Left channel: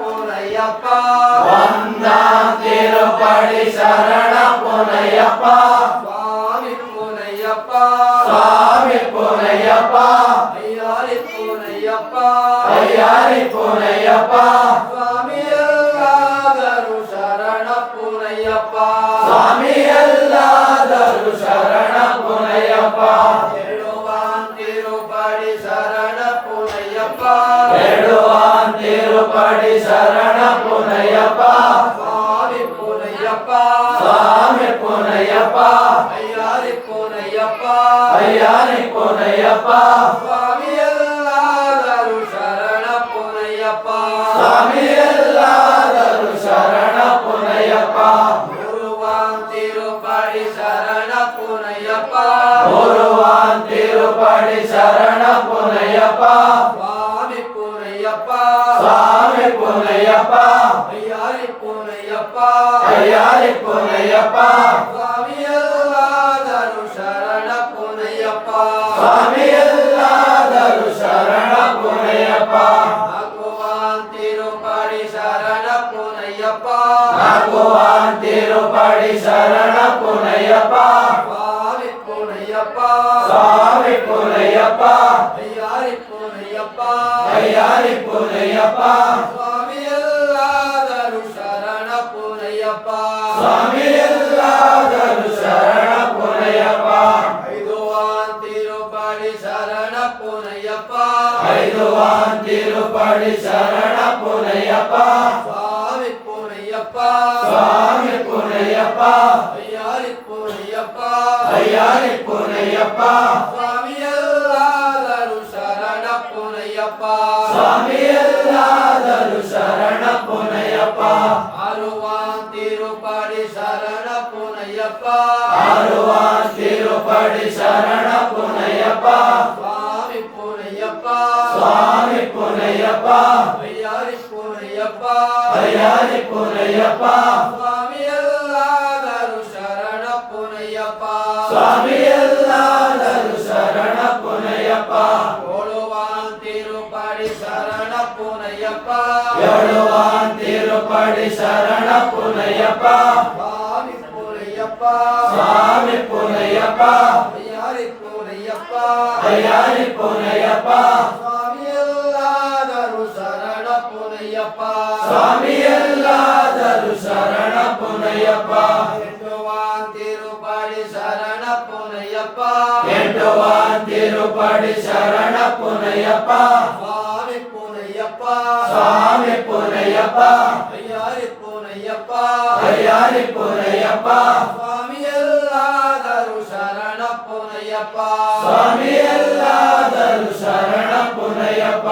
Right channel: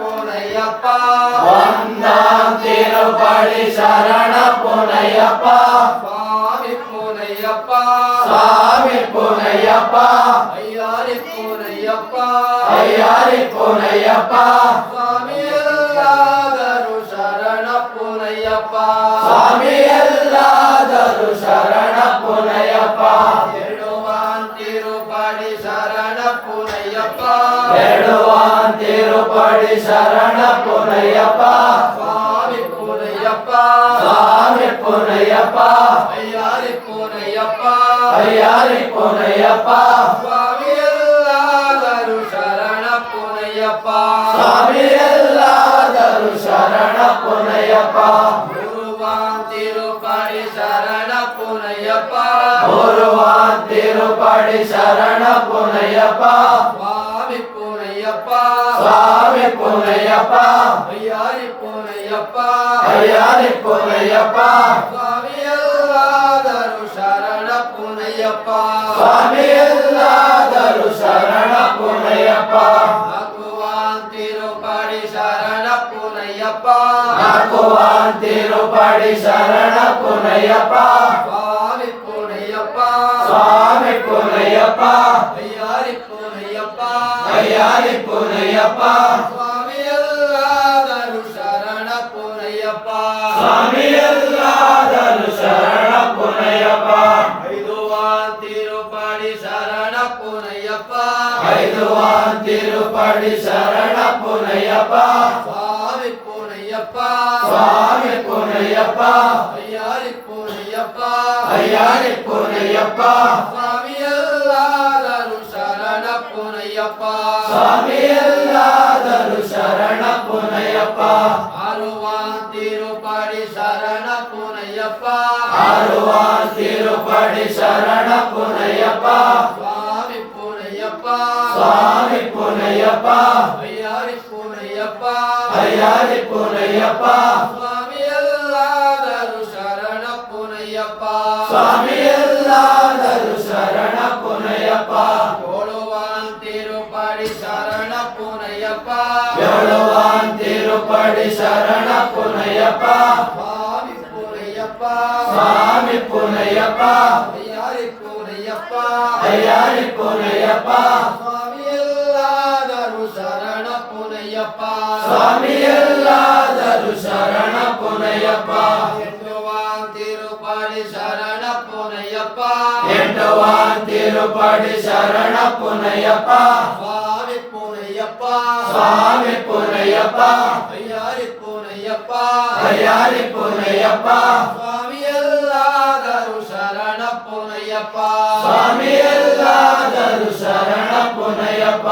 ಪುನಯ್ಯಪ್ಪ ಒಂದಾಂತಿರುಪಡಿ ಶರಣ ಪುನಯ್ಯಪ್ಪ ಸ್ವಾಮಿ ಪುನಯ್ಯಪ್ಪ ಸ್ವಾಮಿ ಪುನಯ್ಯಪ್ಪ ಅಯ್ಯಾರಿ ಪುನಯ್ಯಪ್ಪ ಅಯ್ಯಾರಿ ಪುನಯ್ಯಪ್ಪ ಸ್ವಾಮಿ ಎಲ್ಲಾದರೂ ಶರಣ ಪುನಯ್ಯಪ್ಪ ಸ್ವಾಮಿ ಎಲ್ಲಾದರೂ ಶರಣ ಪುನಯ್ಯಪ್ಪ ತಿರುಪಡಿ ಶರಣ ಪುನಯ್ಯಪ್ಪ ತಿರುಪಡಿ ಶರಣ ಪುನಯ್ಯಪ್ಪ ಸ್ವಾಮಿ ಪುನಯ್ಯಪ್ಪ ಸ್ವಾಮಿ ಪುನಯ್ಯಪ್ಪ ಅಯ್ಯಾರಿ ಪುನಯ್ಯಪ್ಪ ಅಯ್ಯಾರಿ ಪುನಯ್ಯಪ್ಪ ಸ್ವಾಮಿ ಎಲ್ಲಾದರೂ ಶರಣ ಪುನಯ್ಯಪ್ಪ ಸ್ವಾಮಿ ಎಲ್ಲಾದರೂ ಶರಣ ಪುನಯ್ಯಪ್ಪ ತಿರುಪಡಿ ಶರಣ ಪುನಯ್ಯಪ್ಪ ತಿರುಪಡಿ ಶರಣ ಪುನಯ್ಯಪ್ಪ ಸ್ವಾಮಿ ಪುನಯ್ಯಪ್ಪ ಸ್ವಾಮಿ ಪುನಯ್ಯಪ್ಪ ಅಯ್ಯಾರಿ ಪುನಯ್ಯಪ್ಪ ಅಯ್ಯಾರಿ ಪುನಯ್ಯಪ್ಪ ಸ್ವಾಮಿ ಎಲ್ಲಾದರೂ ಶರಣ ಪುನಯ್ಯಪ್ಪ ಸ್ವಾಮಿ ಎಲ್ಲಾದರೂ ಶರಣ ಪುನಯ್ಯಪ್ಪ ತಿರುಪಡಿ ಶರಣ ಪುನಯ್ಯಪ್ಪ ತಿರುಪಡಿ ಶರಣ ಪುನಯ್ಯಪ್ಪ ಸ್ವಾಮಿ ಪುನಯ್ಯಪ್ಪ ಸ್ವಾಮಿ ಪುನಯ್ಯಪ್ಪ ಅಯ್ಯಾರಿ ಪುನಯ್ಯಪ್ಪ ಅಯ್ಯಾರಿ ಪುನಯ್ಯಪ್ಪ ಸ್ವಾಮಿ ಎಲ್ಲಾದರೂ ಶರಣ ಪುನಯ್ಯಪ್ಪ ಸ್ವಾಮಿ ಎಲ್ಲಾದರೂ ಶರಣ ಪುನಯ್ಯಪ್ಪ ತಿರುಪಡಿ ಶರಣ ಪುನಯ್ಯಪ್ಪ ತಿರುಪಡಿ ಶರಣ ಪುನಯ್ಯಪ್ಪ ಸ್ವಾಮಿ ಪುನಯ್ಯಪ್ಪ ಸ್ವಾಮಿ ಪುನಯ್ಯಪ್ಪ ಅಯ್ಯಾರಿ ಪುನಯ್ಯಪ್ಪ ಅಯ್ಯಾರಿ ಪುನಯ್ಯಪ್ಪ ಸ್ವಾಮಿ ಎಲ್ಲಾದರೂ ಶರಣ ಪುನಯ್ಯಪ್ಪ ಸ್ವಾಮಿ ಎಲ್ಲಾದರೂ ಶರಣ ಪುನಯ್ಯಪ್ಪ ತಿರುಪಡಿ ಶರಣ ಪುನಯ್ಯಪ್ಪ ತಿರುಪಡಿ ಶರಣ ಪುನಯ್ಯಪ್ಪ ಸ್ವಾಮಿ ಪುನಯ್ಯಪ್ಪ ಸ್ವಾಮಿ ಪುನಯ್ಯಪ್ಪ ಅಯ್ಯಾರಿ ಪುನಯ್ಯಪ್ಪ ಅಯ್ಯಾರಿ ಪುನಯ್ಯಪ್ಪ ಸ್ವಾಮಿ ಎಲ್ಲಾದರೂ ಶರಣ ಪುನಯ್ಯಪ್ಪ ಸ್ವಾಮಿ ಎಲ್ಲಾದರೂ ಶರಣ ಪುನಯ್ಯಪ್ಪ ತಿರುಪಡಿ ಶರಣ ಪುನಯ್ಯಪ್ಪ ತಿರುಪಡಿ ಶರಣ ಪುನಯ್ಯಪ್ಪ ಸ್ವಾಮಿ ಪುನಯ್ಯಪ್ಪ ಸ್ವಾಮಿ ಪುನಯ್ಯಪ್ಪ ಅಯ್ಯಾರಿ ಪುನಯ್ಯಪ್ಪ ಅಯ್ಯಾರಿ ಪುನಯ್ಯಪ್ಪ ಸ್ವಾಮಿ ಎಲ್ಲಾದರೂ ಶರಣ ಪುನಯ್ಯಪ್ಪ ಸ್ವಾಮಿ ಎಲ್ಲಾದರೂ ಶರಣ ಪುನಯ್ಯಪ್ಪ ತಿರುಪಡಿ ಶರಣ ಪುನಯ್ಯಪ್ಪ ತಿರುಪಡಿ ಶರಣ ಪುನಯ್ಯಪ್ಪ ಸ್ವಾಮಿ ಪುನಯ್ಯಪ್ಪ ಸ್ವಾಮಿ ಪುನಯ್ಯಪ್ಪ ಅಯ್ಯಾರಿ ಪುನಯ್ಯಪ್ಪ ಅಯ್ಯಾರಿ ಪುನಯ್ಯಪ್ಪ ಸ್ವಾಮಿ ಎಲ್ಲಾದರೂ ಶರಣ ಪುನಯ್ಯಪ್ಪ ಸ್ವಾಮಿ ಎಲ್ಲಾದರೂ ಶರಣ